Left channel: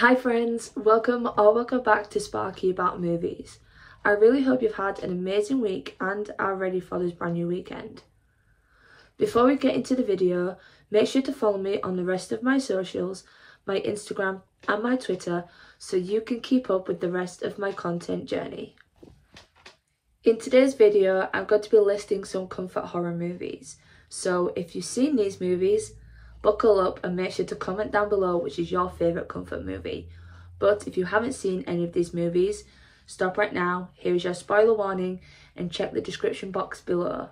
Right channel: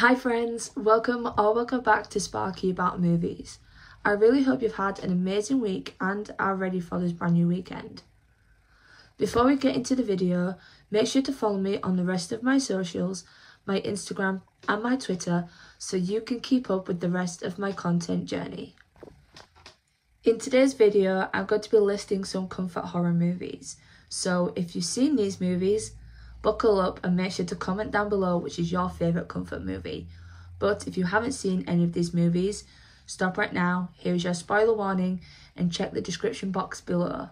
Hi friends, welcome back to Sparky About Movies. I really hope you've had an amazing week and are ready for this brand new weekend. Before we get into the video, make sure to follow me on the rest of my socials, my Instagram and my Twitter, so you can keep up with the rest of my content journey. In today's video, I'm going to be listing some comfort horror movies. So if you've seen these movies, buckle up and make sure to comment down below which is your favourite comfort movie. But if you haven't seen any of these movies, stop right now, here's your spoiler warning, and check the description box below.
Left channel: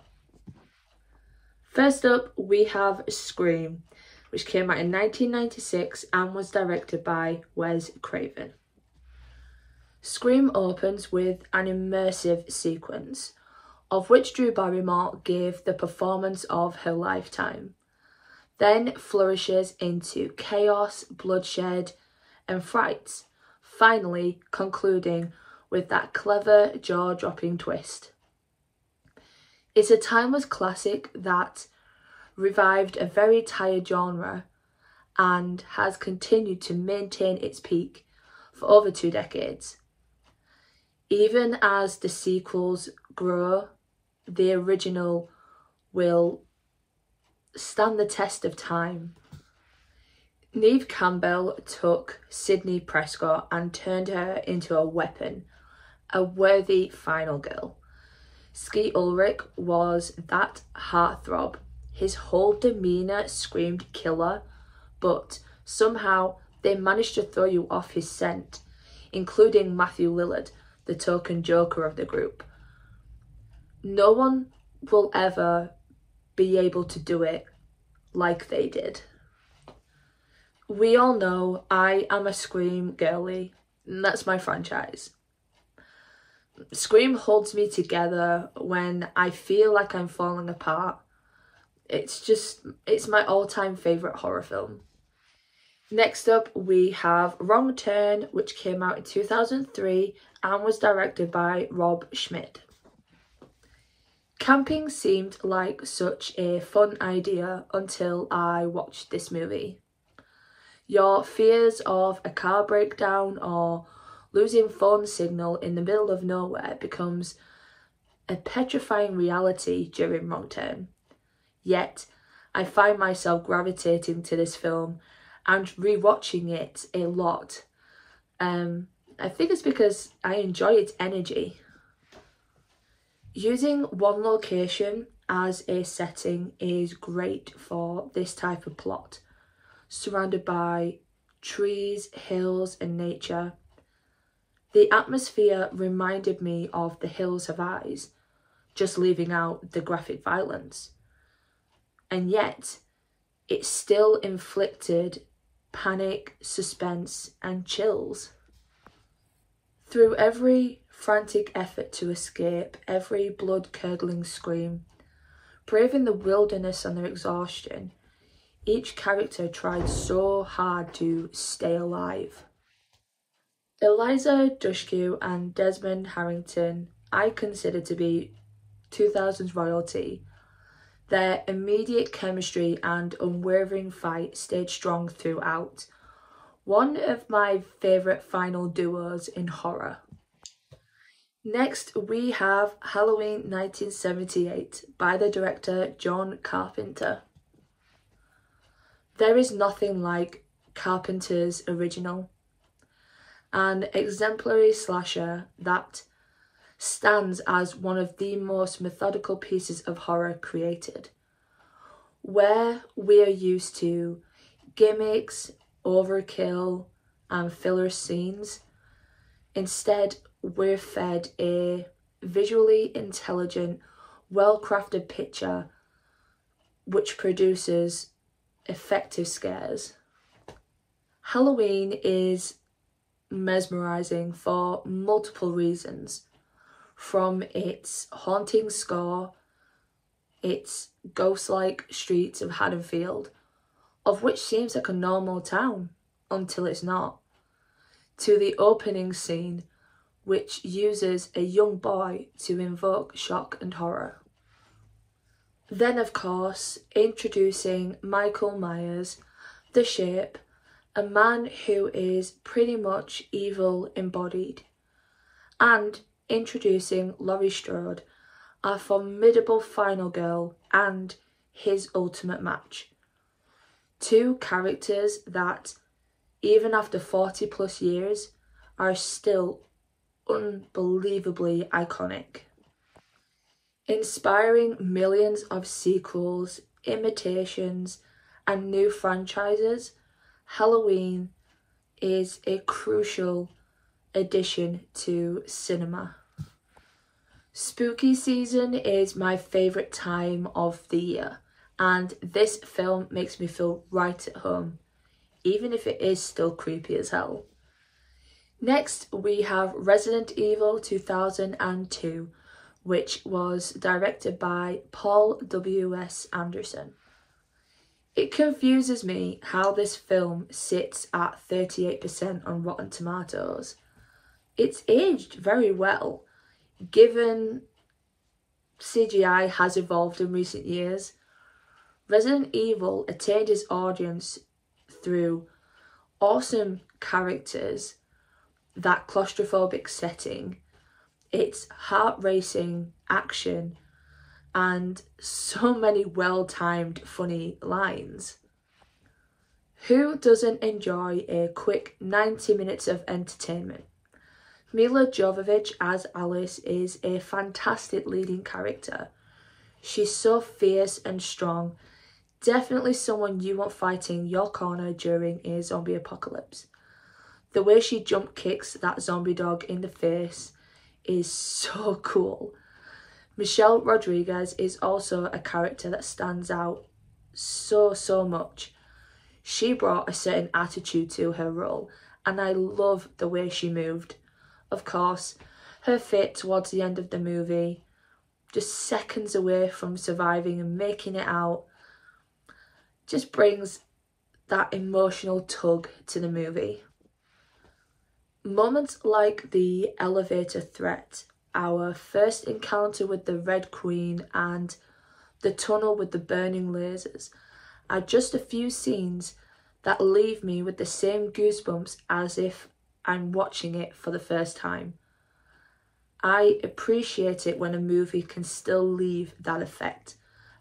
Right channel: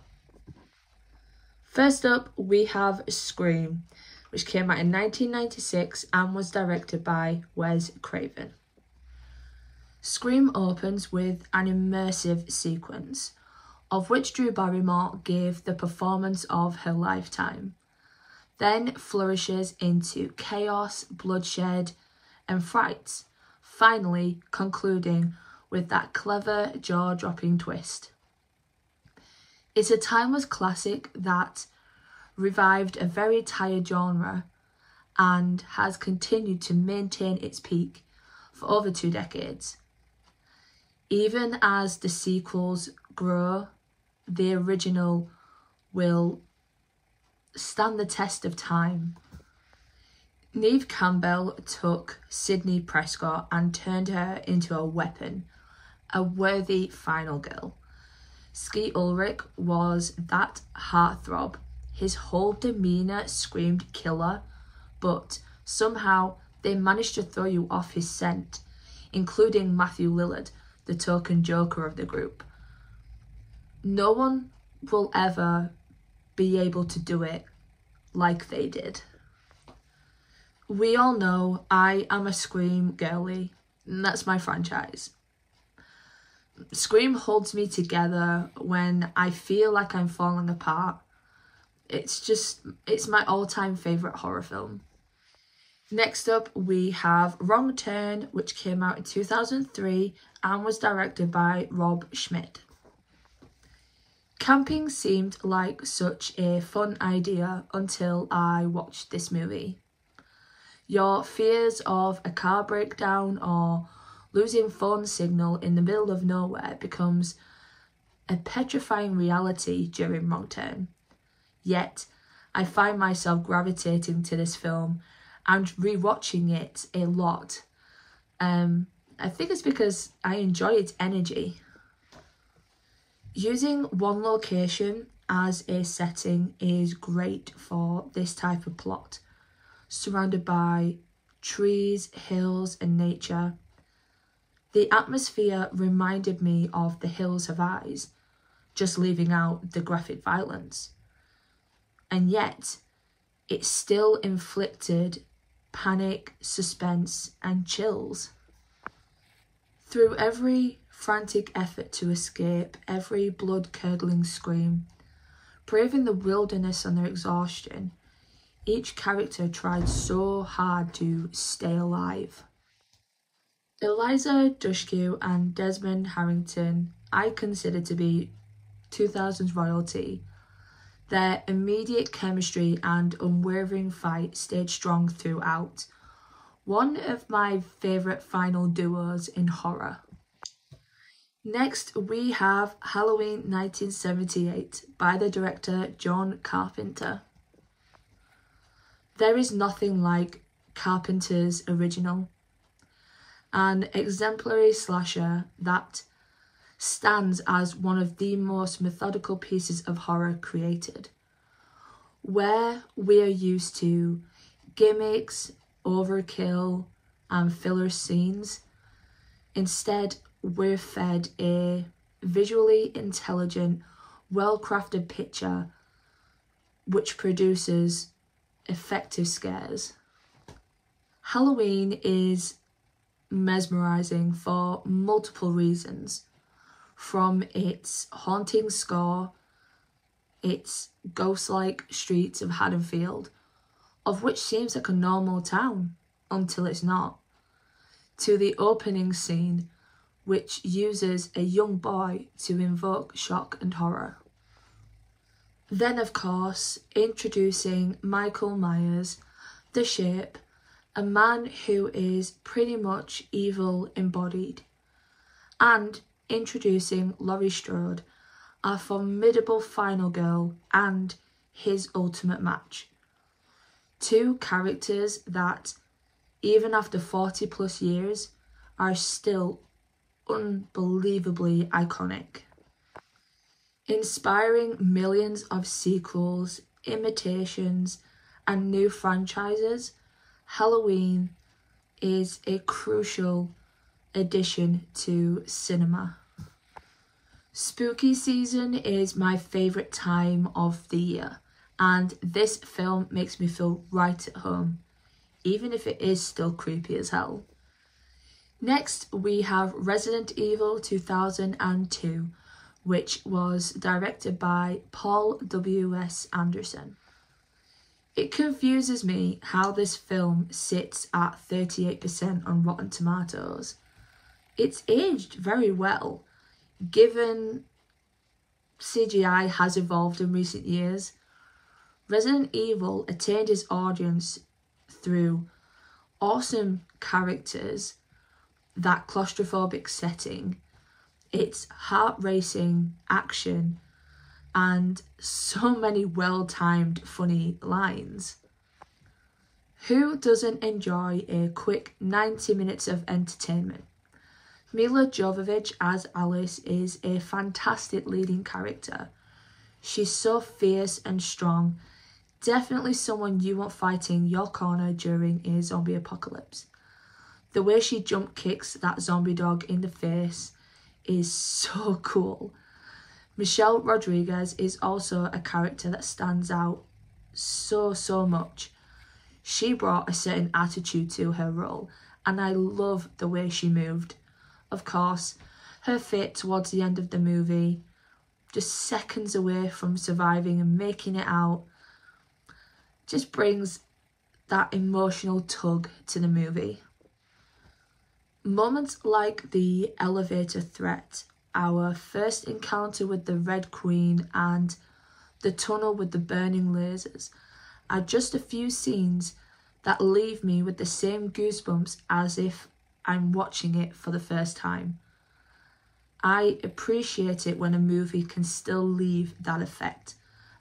First up, we have Scream, which came out in 1996 and was directed by Wes Craven. Scream opens with an immersive sequence, of which Drew Barrymore gave the performance of her lifetime, then flourishes into chaos, bloodshed and fright, finally concluding with that clever jaw-dropping twist. It's a timeless classic that revived a very tired genre and has continued to maintain its peak for over 2 decades. Even as the sequels grow, the original will stand the test of time. Neve Campbell took Sidney Prescott and turned her into a weapon, a worthy final girl. Skeet Ulrich was that heartthrob. His whole demeanour screamed killer, but somehow they managed to throw you off his scent, including Matthew Lillard, the token joker of the group. No one will ever be able to do it like they did. We all know I am a Scream girly, and that's my franchise. Scream holds me together when I feel like I'm falling apart. It's my all-time favourite horror film. Next up, we have Wrong Turn, which came out in 2003 and was directed by Rob Schmidt. Camping seemed like such a fun idea until I watched this movie. Your fears of a car breakdown or losing phone signal in the middle of nowhere becomes a petrifying reality during Wrong Turn. Yet, I find myself gravitating to this film and rewatching it a lot. I think it's because I enjoy its energy. Using one location as a setting is great for this type of plot, surrounded by trees, hills and nature. The atmosphere reminded me of The Hills Have Eyes, just leaving out the graphic violence. And yet, it still inflicted panic, suspense and chills. Through every frantic effort to escape, every blood-curdling scream, braving the wilderness and their exhaustion, each character tried so hard to stay alive. Eliza Dushku and Desmond Harrington I consider to be 2000s royalty. Their immediate chemistry and unwavering fight stayed strong throughout. One of my favourite final duos in horror. Next, we have Halloween 1978 by the director John Carpenter. There is nothing like Carpenter's original, an exemplary slasher that stands as one of the most methodical pieces of horror created, where we are used to gimmicks, overkill and filler scenes. Instead, we're fed a visually intelligent, well-crafted picture which produces effective scares. Halloween is mesmerising for multiple reasons, from its haunting score, its ghost-like streets of Haddonfield, of which seems like a normal town until it's not, to the opening scene, which uses a young boy to invoke shock and horror. Then, of course, introducing Michael Myers, The Shape, a man who is pretty much evil embodied, and introducing Laurie Strode, our formidable final girl and his ultimate match. Two characters that, even after 40 plus years, are still unbelievably iconic. Inspiring millions of sequels, imitations, and new franchises, Halloween is a crucial addition to cinema. Spooky season is my favourite time of the year, and this film makes me feel right at home, even if it is still creepy as hell. Next, we have Resident Evil 2002, which was directed by Paul W.S. Anderson. It confuses me how this film sits at 38% on Rotten Tomatoes. It's aged very well, given CGI has evolved in recent years. Resident Evil attained its audience through awesome characters, that claustrophobic setting, its heart-racing action, and so many well-timed funny lines. Who doesn't enjoy a quick 90 minutes of entertainment? Milla Jovovich as Alice is a fantastic leading character. She's so fierce and strong, definitely someone you want fighting your corner during a zombie apocalypse. The way she jump kicks that zombie dog in the face is so cool. Michelle Rodriguez is also a character that stands out so much. She brought a certain attitude to her role, and I love the way she moved. Of course, her fate towards the end of the movie, just seconds away from surviving and making it out, just brings that emotional tug to the movie. Moments like the elevator threat, our first encounter with the Red Queen, and the tunnel with the burning lasers are just a few scenes that leave me with the same goosebumps as if I'm watching it for the first time. I appreciate it when a movie can still leave that effect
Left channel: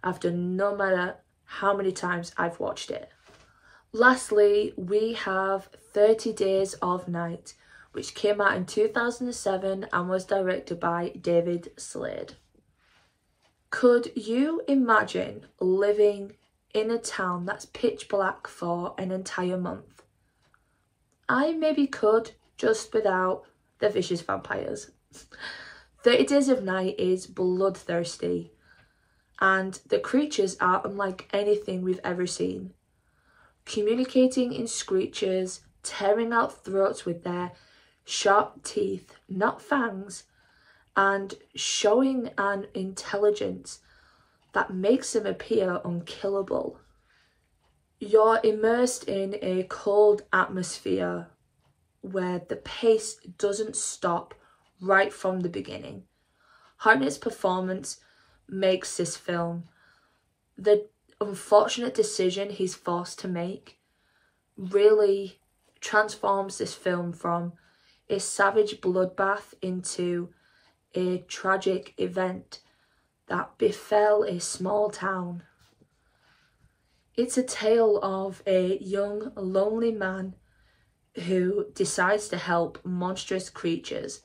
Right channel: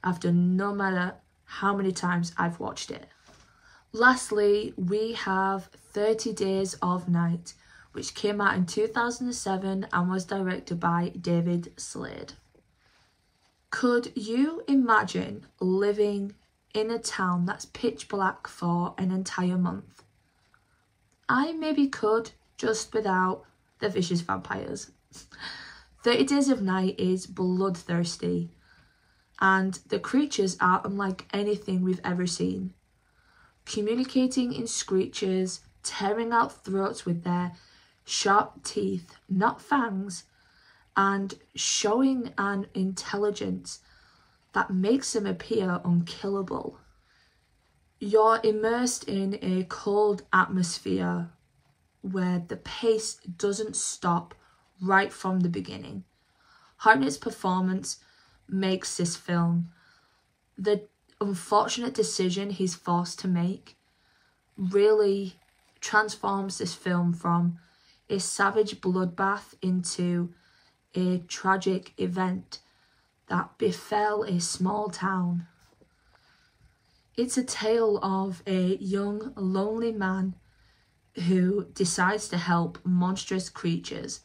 after no matter how many times I've watched it. Lastly, we have 30 Days of Night, which came out in 2007 and was directed by David Slade. Could you imagine living in a town that's pitch black for an entire month? I maybe could, just without the vicious vampires. 30 Days of Night is bloodthirsty, and the creatures are unlike anything we've ever seen. Communicating in screeches, tearing out throats with their sharp teeth, not fangs, and showing an intelligence that makes them appear unkillable. You're immersed in a cold atmosphere where the pace doesn't stop right from the beginning. Hartnett's performance makes this film. The unfortunate decision he's forced to make really transforms this film from a savage bloodbath into a tragic event that befell a small town. It's a tale of a young, lonely man who decides to help monstrous creatures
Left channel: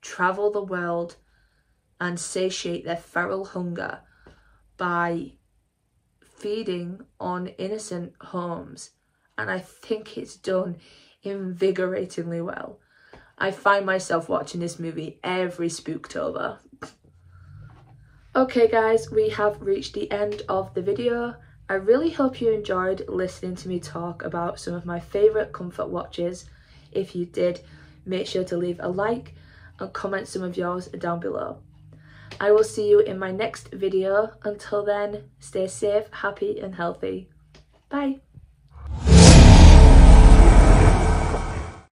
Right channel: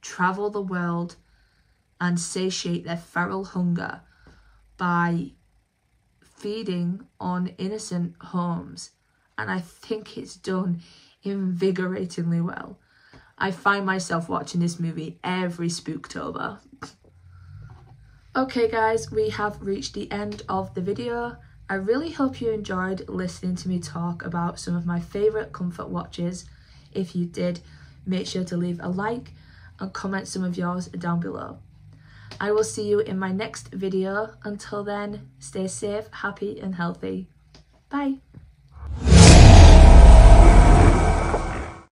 travel the world and satiate their feral hunger by feeding on innocent homes. And I think it's done invigoratingly well. I find myself watching this movie every Spooktober. Okay guys, we have reached the end of the video. I really hope you enjoyed listening to me talk about some of my favourite comfort watches. If you did, make sure to leave a like and comment some of yours down below. I will see you in my next video. Until then, stay safe, happy and healthy. Bye.